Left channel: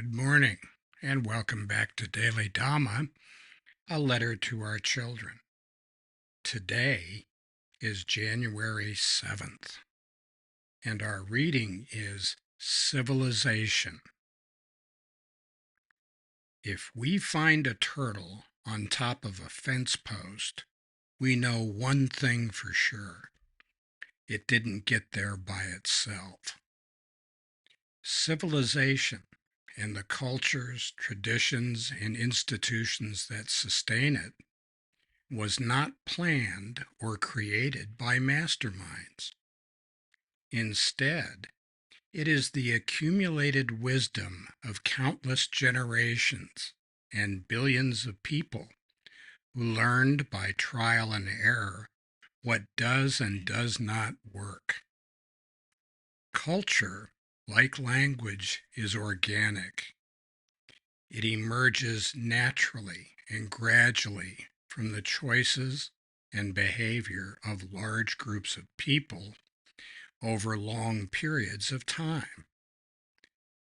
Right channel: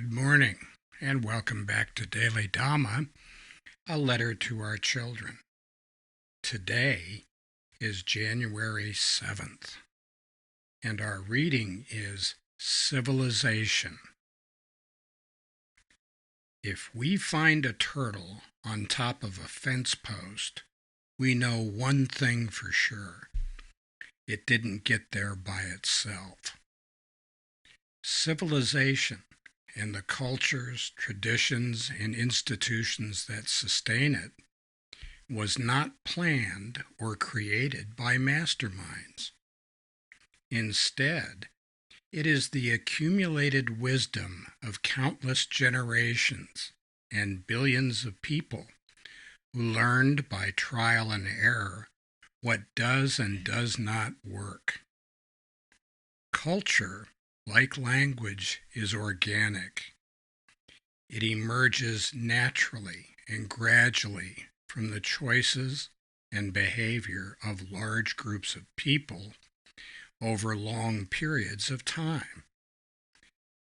Good morning, and welcome back to Daily Dhamma, a letter to our children. Today is January 7th, and our reading is Civilization. If we find a turtle on top of a fence post, we know one thing for sure. It didn't get there by itself. Civilization and the cultures, traditions, and institutions that sustain it was not planned or created by masterminds. Instead, it is the accumulated wisdom of countless generations and billions of people who learned by trial and error what does and does not work. Culture, like language, is organic. It emerges naturally and gradually from the choices and behavior of large groups of people over long periods of time.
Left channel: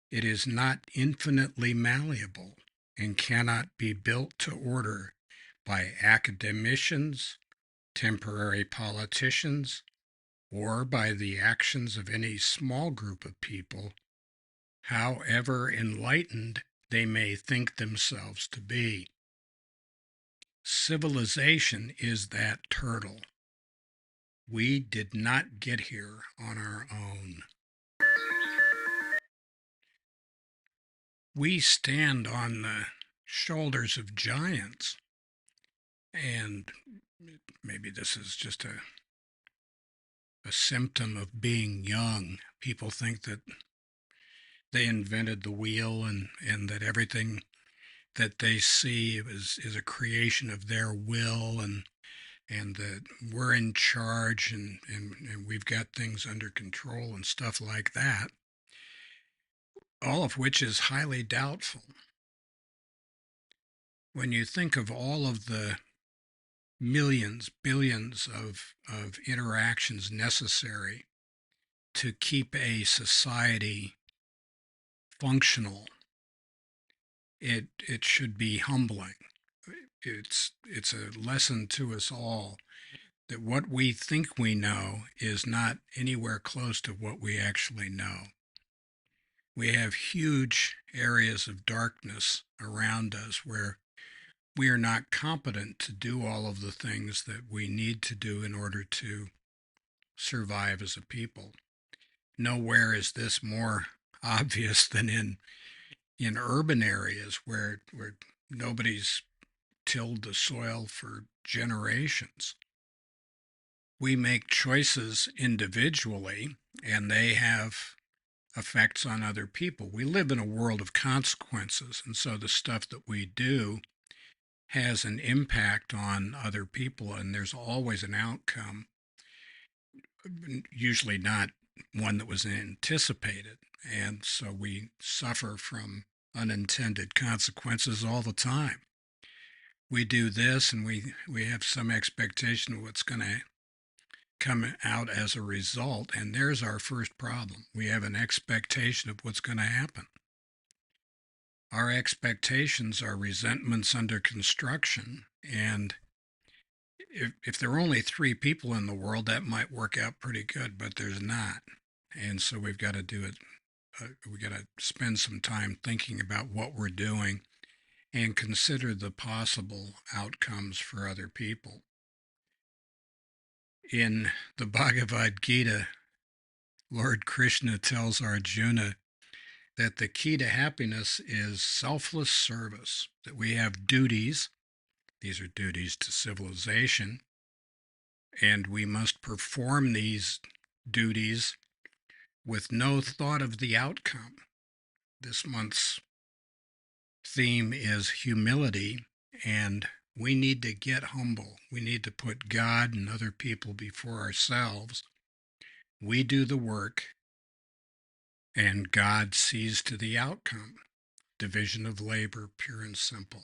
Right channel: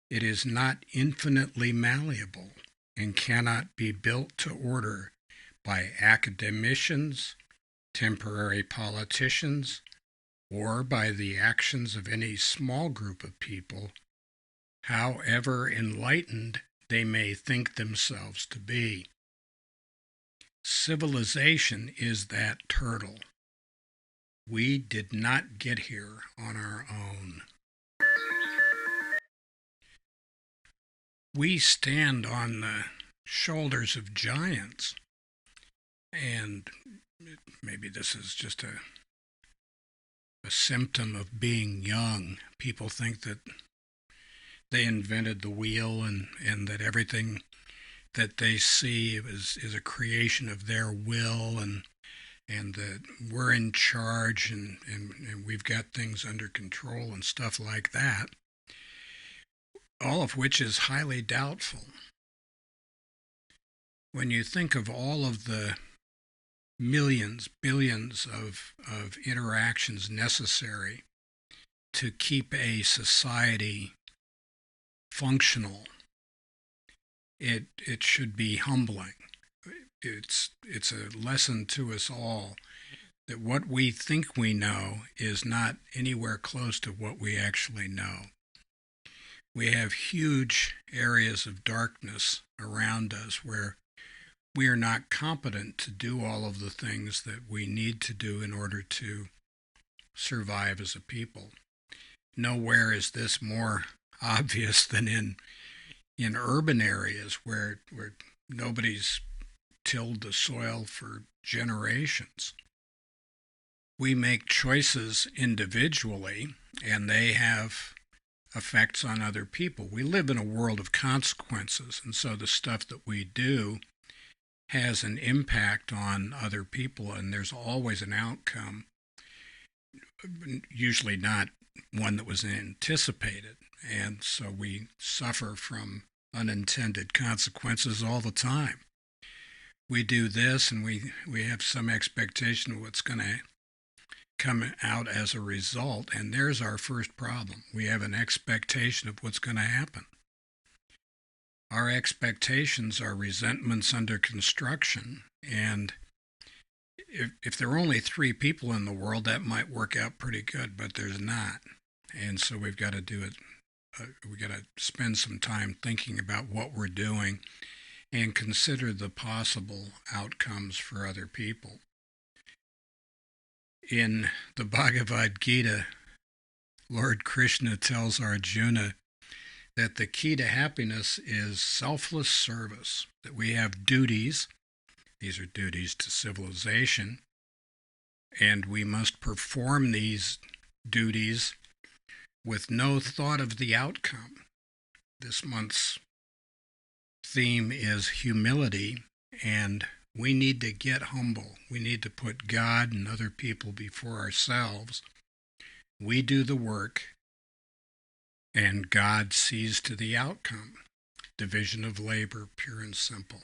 It is not infinitely malleable and cannot be built to order by academicians, temporary politicians, or by the actions of any small group of people, however enlightened they may think themselves to be. Civilization is that turtle. We did not get here on our own. We stand on the shoulders of giants, and maybe this is just a symptom of being young. People think that they invented the wheel and that everything that they see is a creation of their will, and that we're in charge and we've got things under control and stuff like that, all of which is highly doubtful. When you think of all of the millions, billions of interactions necessary to keep a society functional, it should be humbling. It's a lesson to us all that what we think we know is not anywhere close to what we actually know. We have huge areas of darkness around us where we are not competent to do all of the things that we need to do in order to survive as a people. Nowhere is this more obvious than in urban areas where nobody's tilled the soil for generations. We make choices individually, and they have effects on other people. We live in a world of consequences, and so the stuff that we do has an impact on other people, and there's always an outcome, usually not one that was anticipated. And so we suffer from unintended consequences all the time. We do this and we have some expectation of what's going to come out as a result, and there's our first problem. We have an expectation of what's going to happen. Our expectations are resentments under construction, and if there are only 3 people in the world, that might work out pretty good, but there's not. And so we've got to do it. We've got to spend some time thinking about what we're doing and consider the possible outcomes for other people. In the Bhagavad Gita, Lord Krishna tells Arjuna that the key to happiness is selfless service, that we have duties. These are duties to civilization, and we must perform these duties with no thought of the outcome. This month's theme is humility, and we need to get humble. We need to put God and other people before ourselves. We do the work, and God sees to the outcome. Division of labor, pure and simple.